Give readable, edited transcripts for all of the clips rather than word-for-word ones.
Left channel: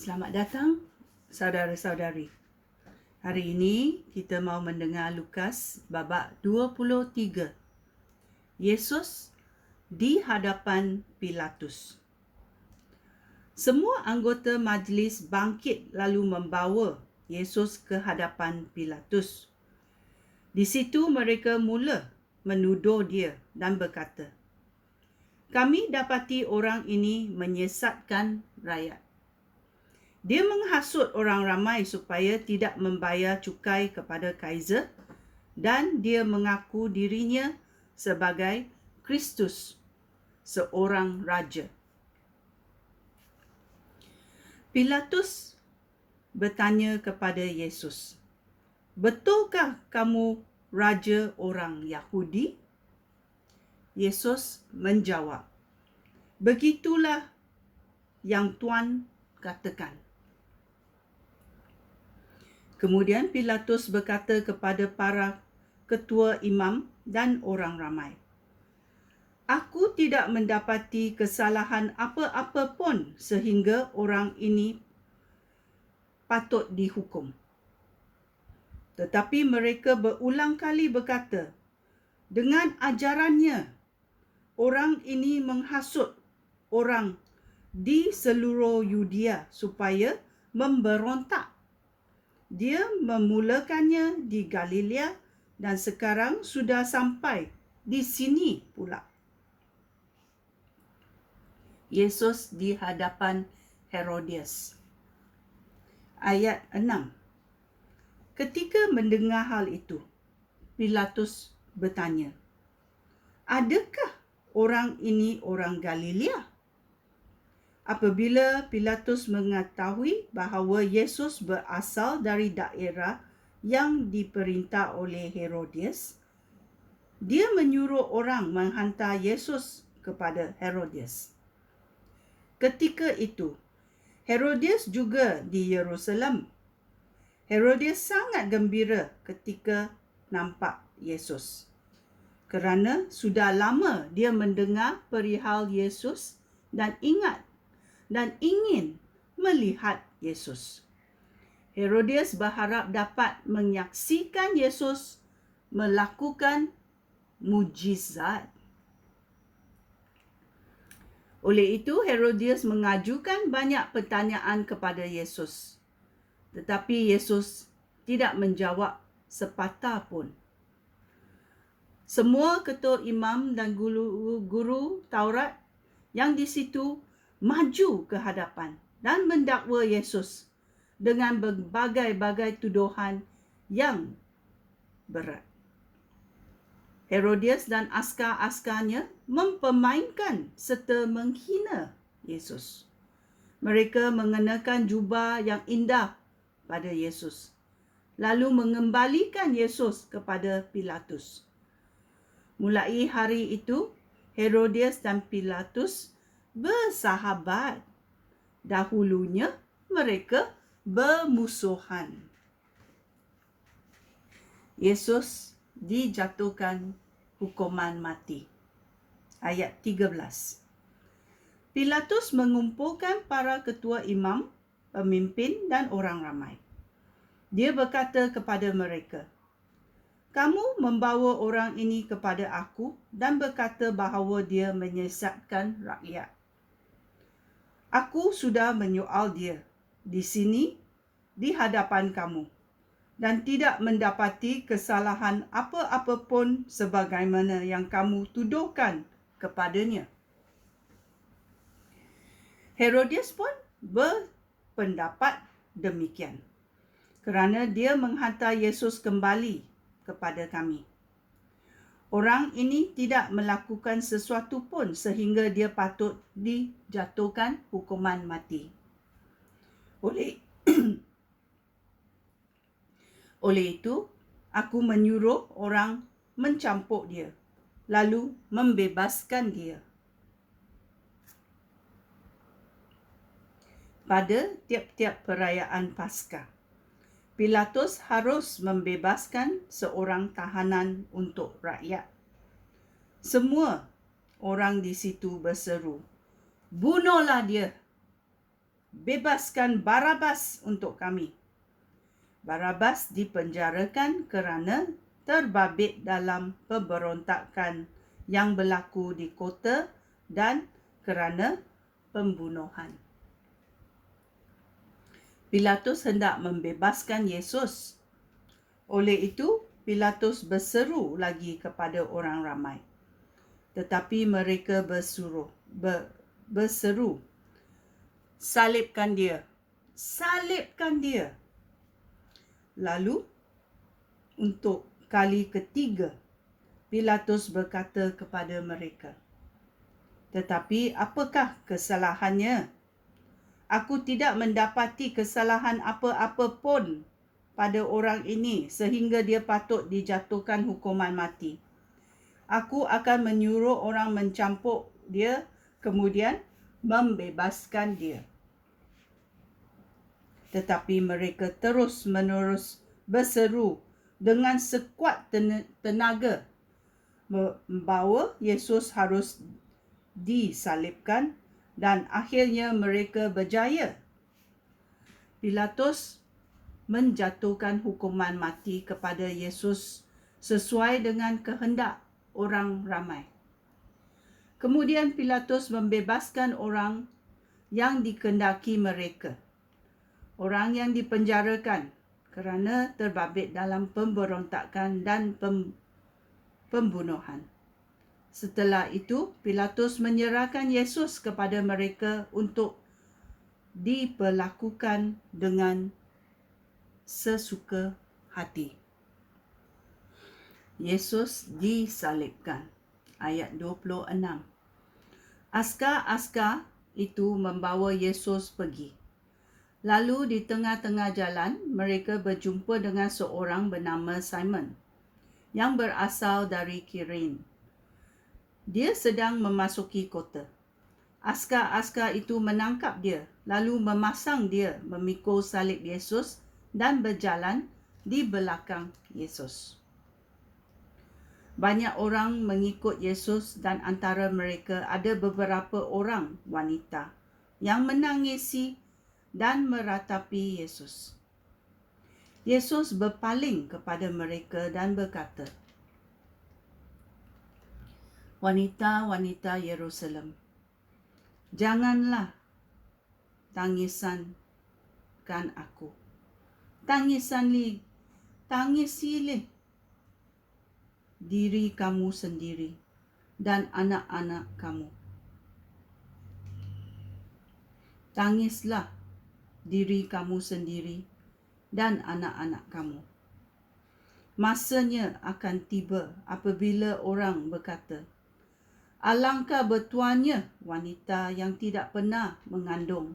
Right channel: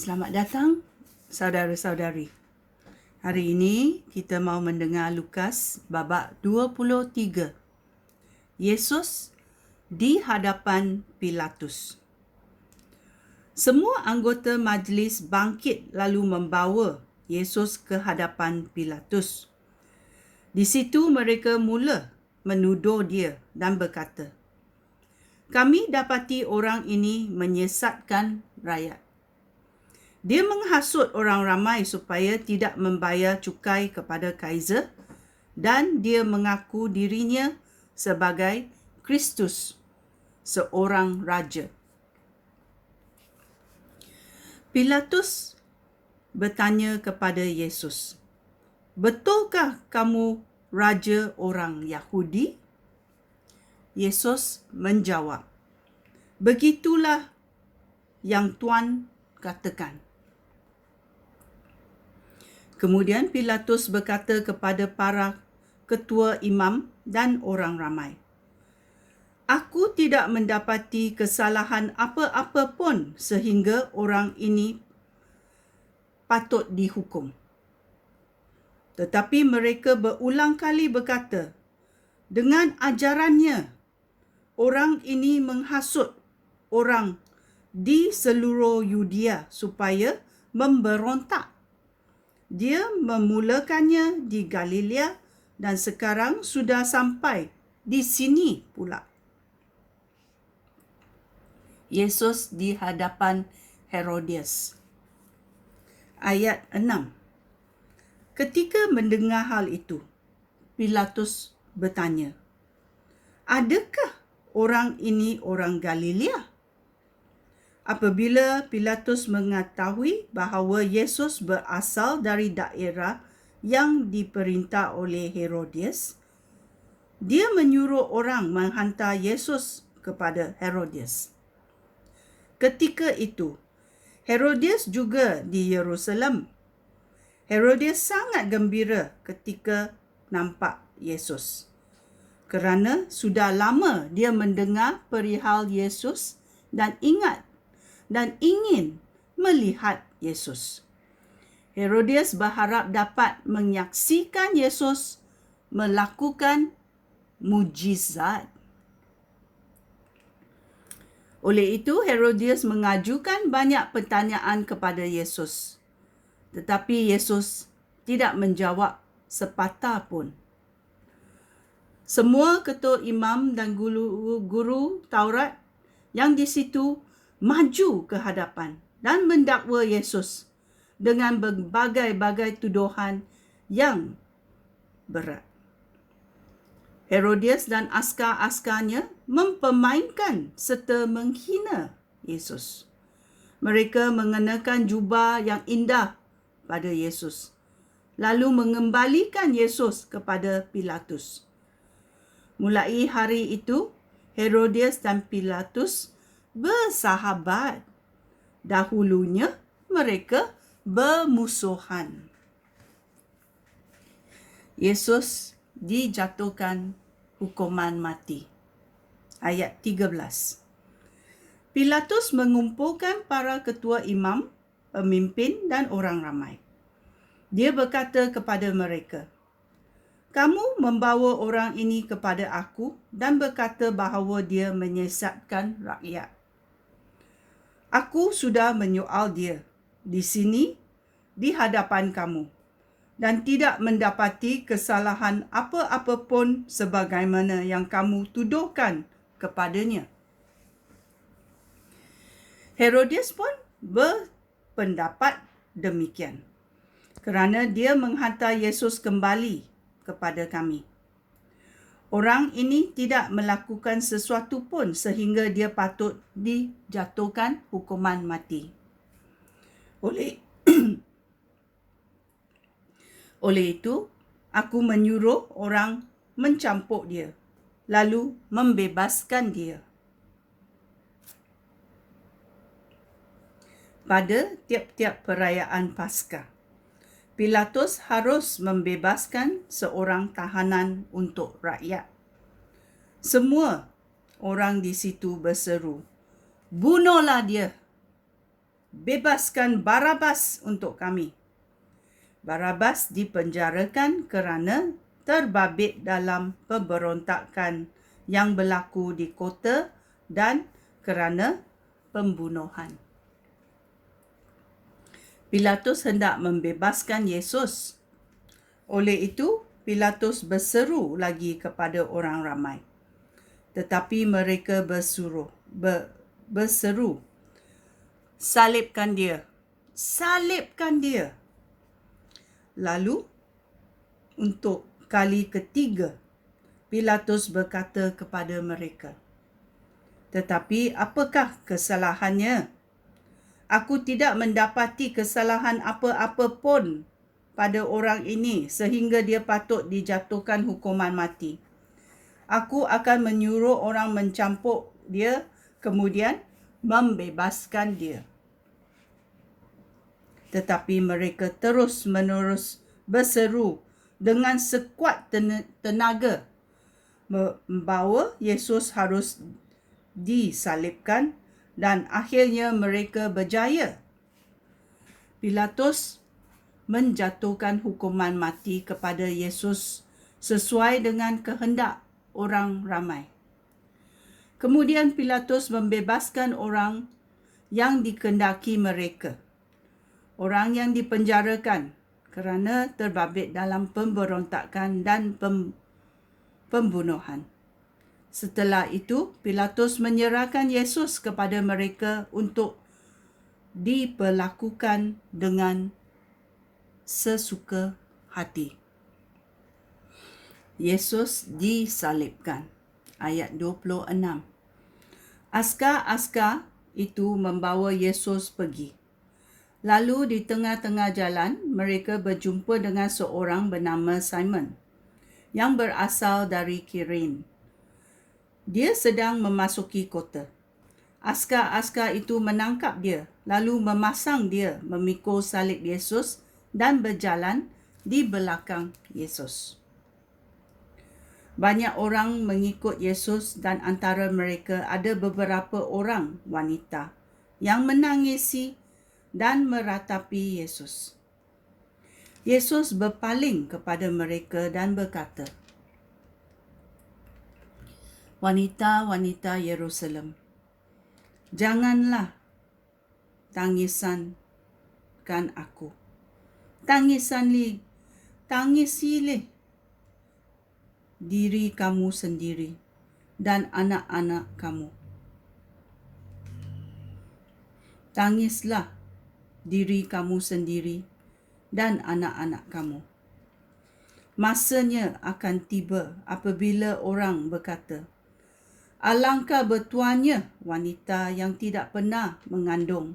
Selamat datang saudara-saudari. Hari ini kita mau mendengar Lukas babak 23. Yesus di hadapan Pilatus. Semua anggota majlis bangkit lalu membawa Yesus ke hadapan Pilatus. Di situ mereka mula menuduh dia dan berkata, "Kami dapati orang ini menyesatkan rakyat. Dia menghasut orang ramai supaya tidak membayar cukai kepada Kaisar dan dia mengaku dirinya sebagai Kristus, seorang raja." Pilatus bertanya kepada Yesus, "Betulkah kamu raja orang Yahudi?" Yesus menjawab, "Begitulah yang Tuan katakan." Kemudian Pilatus berkata kepada para ketua imam dan orang ramai, "Aku tidak mendapati kesalahan apa-apa pun sehingga orang ini patut dihukum." Tetapi mereka berulang kali berkata, "Dengan ajarannya, orang ini menghasut orang di seluruh Yudea supaya memberontak. Dia memulakannya di Galilea dan sekarang sudah sampai di sini pula." Yesus di hadapan Herodias. Ayat 6. Ketika mendengar hal itu, Pilatus bertanya, "Adakah orang ini orang Galilea?" Apabila Pilatus mengetahui bahawa Yesus berasal dari daerah yang diperintah oleh Herodias, dia menyuruh orang menghantar Yesus kepada Herodias. Ketika itu, Herodias juga di Yerusalem. Herodias sangat gembira ketika nampak Yesus, kerana sudah lama dia mendengar perihal Yesus dan ingin melihat Yesus. Herodias berharap dapat menyaksikan Yesus melakukan mujizat. Oleh itu, Herodias mengajukan banyak pertanyaan kepada Yesus. Tetapi Yesus tidak menjawab sepatah pun. Semua ketua imam dan guru Taurat yang di situ maju ke hadapan dan mendakwa Yesus dengan berbagai-bagai tuduhan yang berat. Herodias dan askar-askarnya mempermainkan serta menghina Yesus. Mereka mengenakan jubah yang indah pada Yesus, lalu mengembalikan Yesus kepada Pilatus. Mulai hari itu, Herodias dan Pilatus bersahabat. Dahulunya mereka bermusuhan. Yesus dijatuhkan hukuman mati. Ayat 13. Pilatus mengumpulkan para ketua imam, pemimpin dan orang ramai. Dia berkata kepada mereka, "Kamu membawa orang ini kepada aku dan berkata bahawa dia menyesatkan rakyat. Aku sudah menyoal dia di sini di hadapan kamu dan tidak mendapati kesalahan apa-apa pun sebagaimana yang kamu tuduhkan kepadanya." Herodias pun berpendapat demikian, kerana dia menghantar Yesus kembali kepada kami. Orang ini tidak melakukan sesuatu pun sehingga dia patut dijatuhkan hukuman mati. Oleh itu, aku menyuruh orang mencampuk dia, lalu membebaskan dia. Pada tiap-tiap perayaan Paskah, Pilatus harus membebaskan seorang tahanan untuk rakyat. Semua orang di situ berseru, "Bunuhlah dia!" bebaskan Barabas untuk kami. Barabas dipenjarakan kerana terbabit dalam pemberontakan yang berlaku di kota dan kerana pembunuhan. Pilatus hendak membebaskan Yesus. Oleh itu, Pilatus berseru lagi kepada orang ramai. Tetapi mereka berseru, salibkan dia, salibkan dia. Lalu, untuk kali ketiga, Pilatus berkata kepada mereka, tetapi apakah kesalahannya? Aku tidak mendapati kesalahan apa-apa pun pada orang ini sehingga dia patut dijatuhkan hukuman mati. Aku akan menyuruh orang mencampur dia, kemudian membebaskan dia. Tetapi mereka terus-menerus berseru dengan sekuat tenaga bahawa Yesus harus disalibkan, dan akhirnya mereka berjaya. Pilatus menjatuhkan hukuman mati kepada Yesus sesuai dengan kehendak orang ramai. Kemudian Pilatus membebaskan orang yang dikehendaki mereka, orang yang dipenjarakan kerana terbabit dalam pemberontakan dan pembunuhan. Setelah itu, Pilatus menyerahkan Yesus kepada mereka untuk diperlakukan dengan sesuka hati. Yesus disalibkan. Ayat 26. Askar-askar itu membawa Yesus pergi. Lalu di tengah-tengah jalan, mereka berjumpa dengan seorang bernama Simon yang berasal dari Kirene. Dia sedang memasuki kota. Askar-askar itu menangkap dia, lalu memasang dia memikul salib Yesus dan berjalan di belakang Yesus. Banyak orang mengikut Yesus dan antara mereka ada beberapa orang wanita yang menangisi dan meratapi Yesus. Yesus berpaling kepada mereka dan berkata, "Wanita-wanita Yerusalem, janganlah tangisankan aku. Tangisilih diri kamu sendiri dan anak-anak kamu. Tangislah diri kamu sendiri dan anak-anak kamu. Masanya akan tiba apabila orang berkata, alangkah bertuahnya wanita yang tidak pernah mengandung,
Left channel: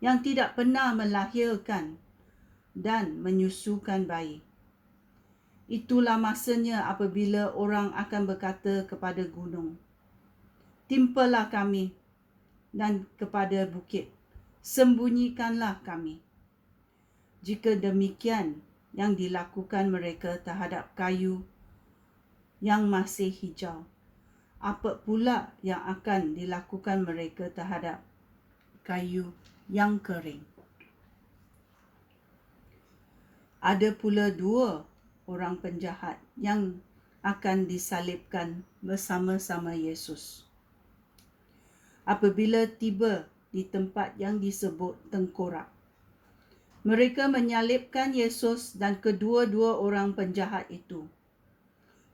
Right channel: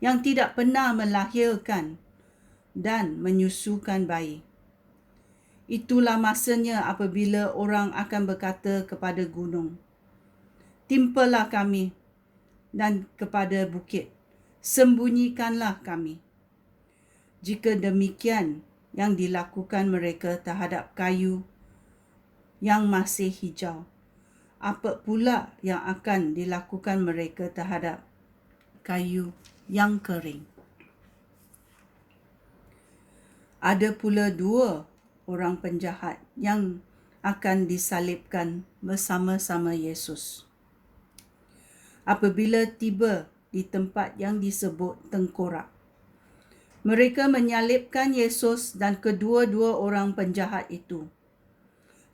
yang tidak pernah melahirkan dan menyusukan bayi. Itulah masanya apabila orang akan berkata kepada gunung, timpalah kami, dan kepada bukit, sembunyikanlah kami. Jika demikian yang dilakukan mereka terhadap kayu yang masih hijau, apa pula yang akan dilakukan mereka terhadap kayu yang kering?" Ada pula 2 orang penjahat yang akan disalibkan bersama-sama Yesus. Apabila tiba di tempat yang disebut tengkorak, mereka menyalibkan Yesus dan kedua-dua orang penjahat itu.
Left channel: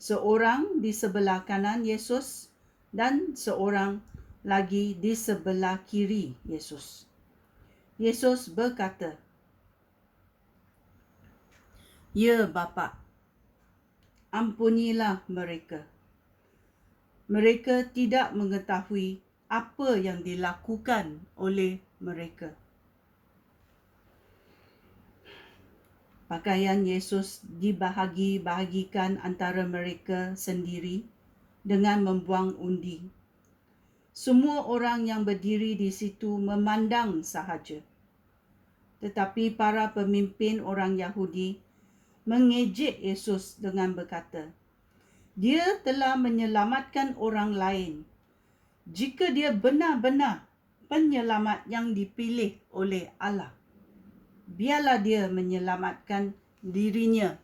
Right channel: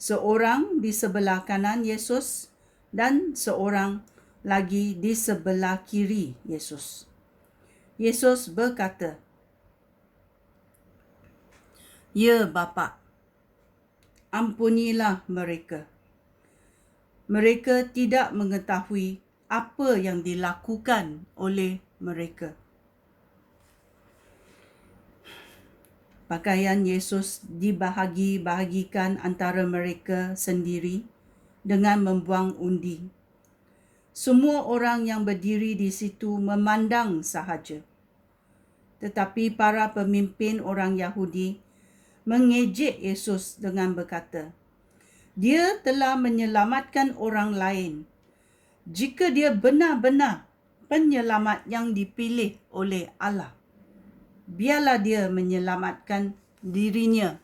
Seorang di sebelah kanan Yesus dan seorang lagi di sebelah kiri Yesus. Yesus berkata, "Ya Bapa, ampunilah mereka. Mereka tidak mengetahui apa yang dilakukan oleh mereka." Pakaian Yesus dibahagi-bahagikan antara mereka sendiri dengan membuang undi. Semua orang yang berdiri di situ memandang sahaja. Tetapi para pemimpin orang Yahudi mengejek Yesus dengan berkata, "Dia telah menyelamatkan orang lain. Jika dia benar-benar penyelamat yang dipilih oleh Allah. Biarlah dia menyelamatkan dirinya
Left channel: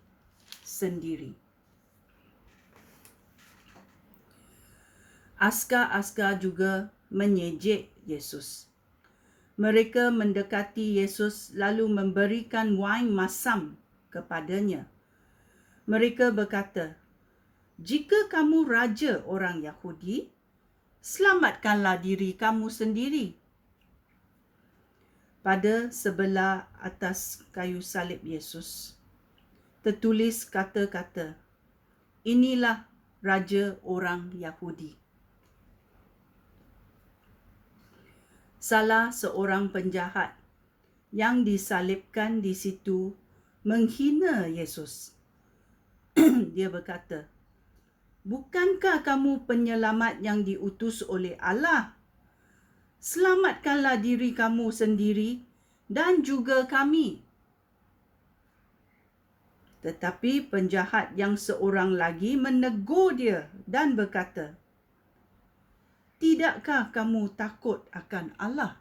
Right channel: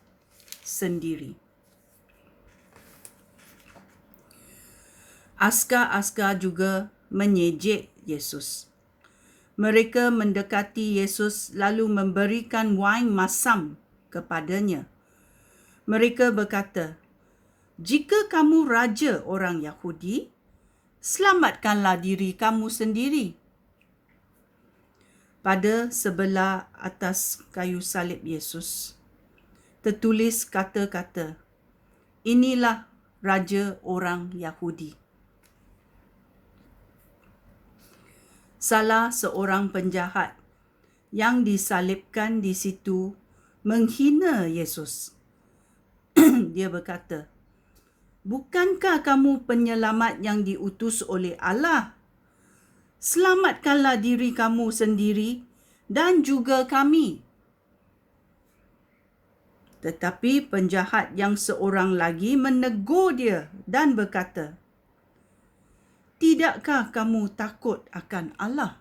sendiri. Askar-askar juga menyejek Yesus. Mereka mendekati Yesus lalu memberikan wain masam kepadanya. Mereka berkata, "Jika kamu raja orang Yahudi, selamatkanlah diri kamu sendiri." Pada sebelah atas kayu salib Yesus tertulis kata-kata, "Inilah raja orang Yahudi." Salah seorang penjahat yang disalibkan di situ menghina Yesus. Dia berkata, "Bukankah kamu penyelamat yang diutus oleh Allah? Selamatkanlah diri kamu sendiri dan juga kami." Tetapi penjahat yang seorang lagi menegur dia dan berkata, "Tidakkah kamu takut akan Allah?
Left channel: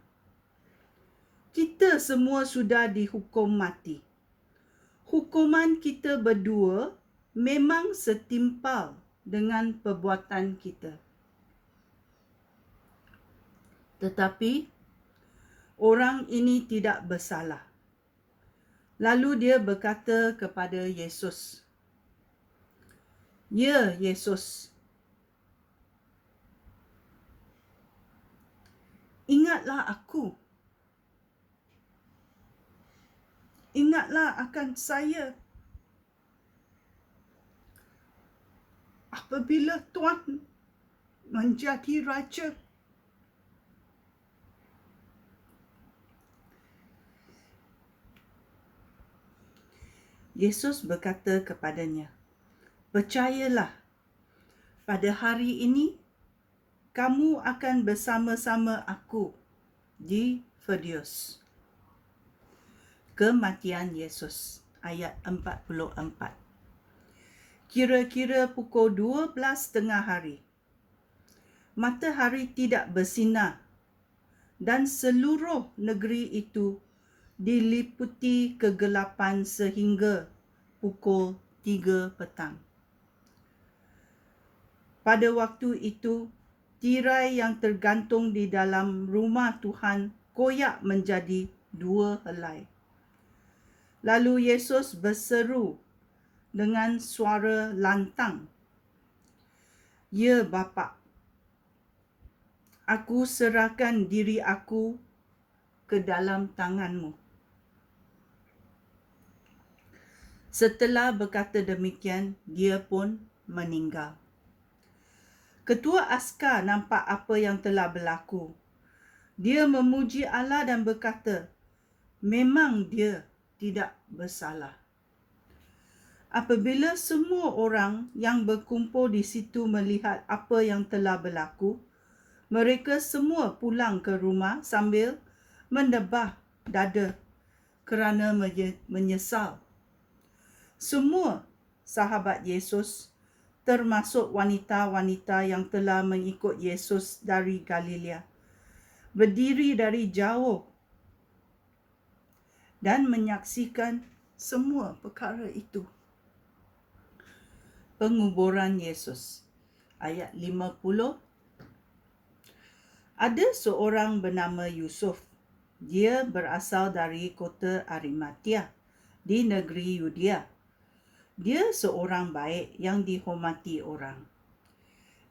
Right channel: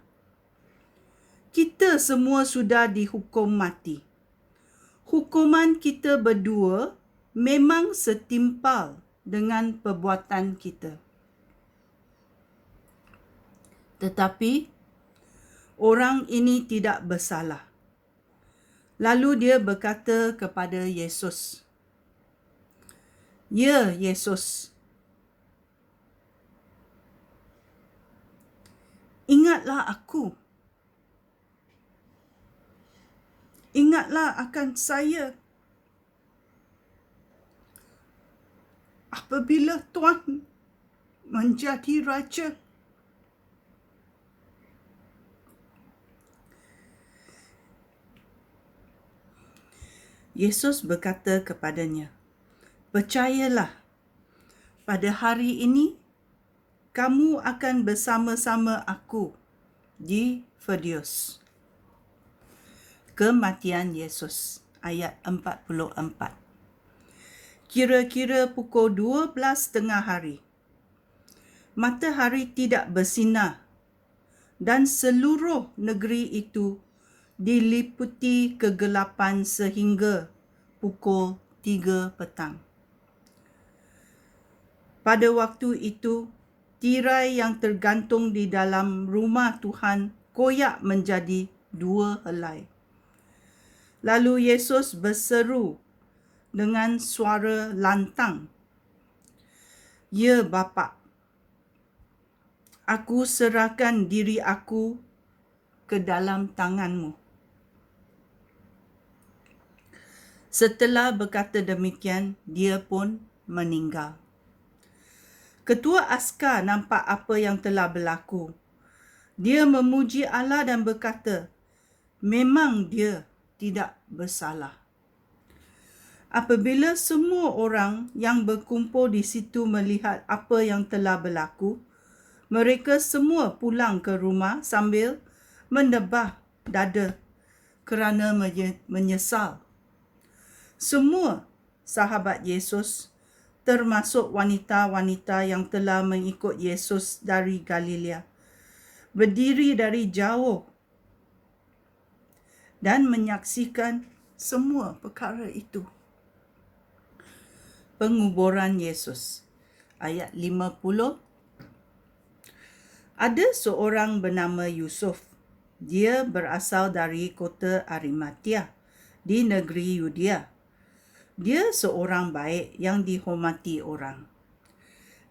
Kita semua sudah dihukum mati. Hukuman kita berdua memang setimpal dengan perbuatan kita." Tetapi orang ini tidak bersalah. Lalu dia berkata kepada Yesus, "Ya Yesus, ingatlah aku. Ingatlah akan saya apabila Tuhan menjadi raja." Yesus berkata kepadanya, "Percayalah, pada hari ini kamu akan bersama-sama aku di Firdaus." Kematian Yesus, ayat 44. Kira-kira pukul 12:30 hari, matahari tidak bersinar dan seluruh negeri itu diliputi kegelapan sehingga pukul 3 petang. Pada waktu itu, tirai yang tergantung di dalam rumah Tuhan koyak menjadi 2 helai. Lalu Yesus berseru dengan suara lantang, "Ya Bapa, aku serahkan diri aku ke dalam tangan-Mu." Setelah berkata demikian, dia pun meninggal. Ketua askar nampak apa yang telah berlaku. Dia memuji Allah dan berkata, memang dia tidak bersalah. Apabila semua orang yang berkumpul di situ melihat apa yang telah berlaku, mereka semua pulang ke rumah sambil mendebah dada kerana menyesal. Semua sahabat Yesus, termasuk wanita-wanita yang telah mengikut Yesus dari Galilea, berdiri dari jauh dan menyaksikan semua perkara itu. Penguburan Yesus, ayat 50. Ada seorang bernama Yusuf. Dia berasal dari kota Arimatia di negeri Yudea. Dia seorang baik yang dihormati orang.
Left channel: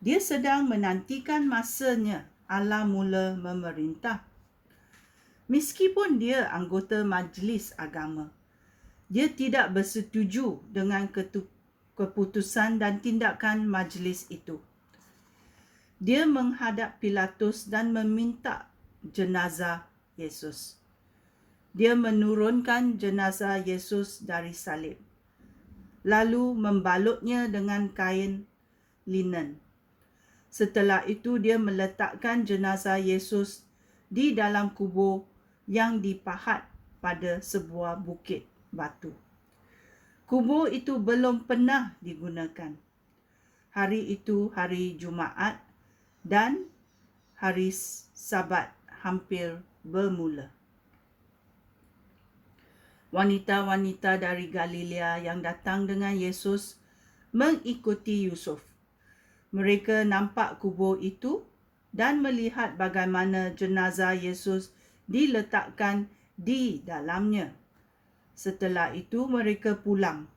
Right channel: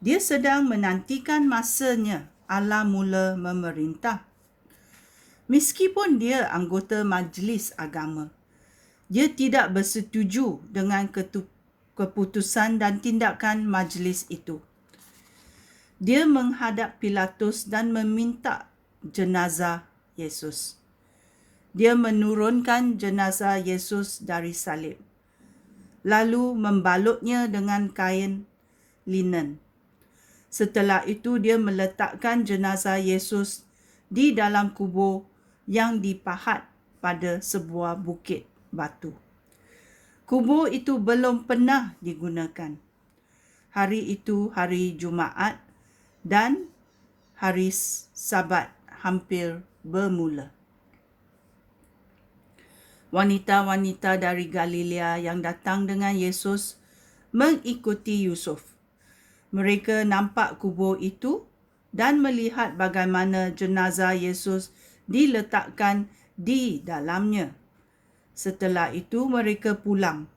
Dia sedang menantikan masanya Allah mula memerintah. Meskipun dia anggota majlis agama, dia tidak bersetuju dengan keputusan dan tindakan majlis itu. Dia menghadap Pilatus dan meminta jenazah Yesus. Dia menurunkan jenazah Yesus dari salib, lalu membalutnya dengan kain linen. Setelah itu dia meletakkan jenazah Yesus di dalam kubur yang dipahat pada sebuah bukit batu. Kubur itu belum pernah digunakan. Hari itu hari Jumaat dan hari Sabat, hampir bermula. Wanita-wanita dari Galilea yang datang dengan Yesus mengikuti Yusuf. Mereka nampak kubur itu dan melihat bagaimana jenazah Yesus diletakkan di dalamnya. Setelah itu mereka pulang,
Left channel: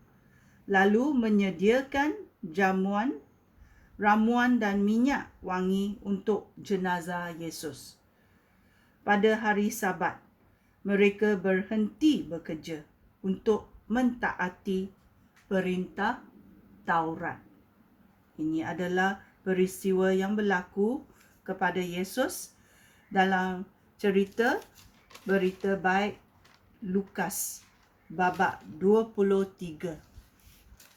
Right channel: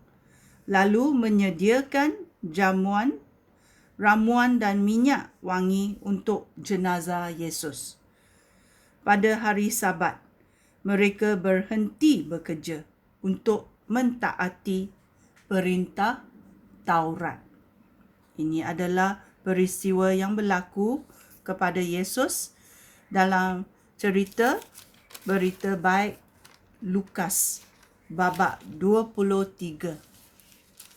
lalu menyediakan jamuan, ramuan dan minyak wangi untuk jenazah Yesus. Pada hari Sabat, mereka berhenti bekerja untuk mentaati perintah Taurat. Ini adalah peristiwa yang berlaku kepada Yesus dalam cerita Berita Baik Lukas babak 23.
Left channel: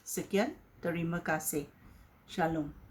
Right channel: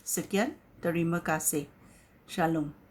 Sekian, terima kasih. Shalom.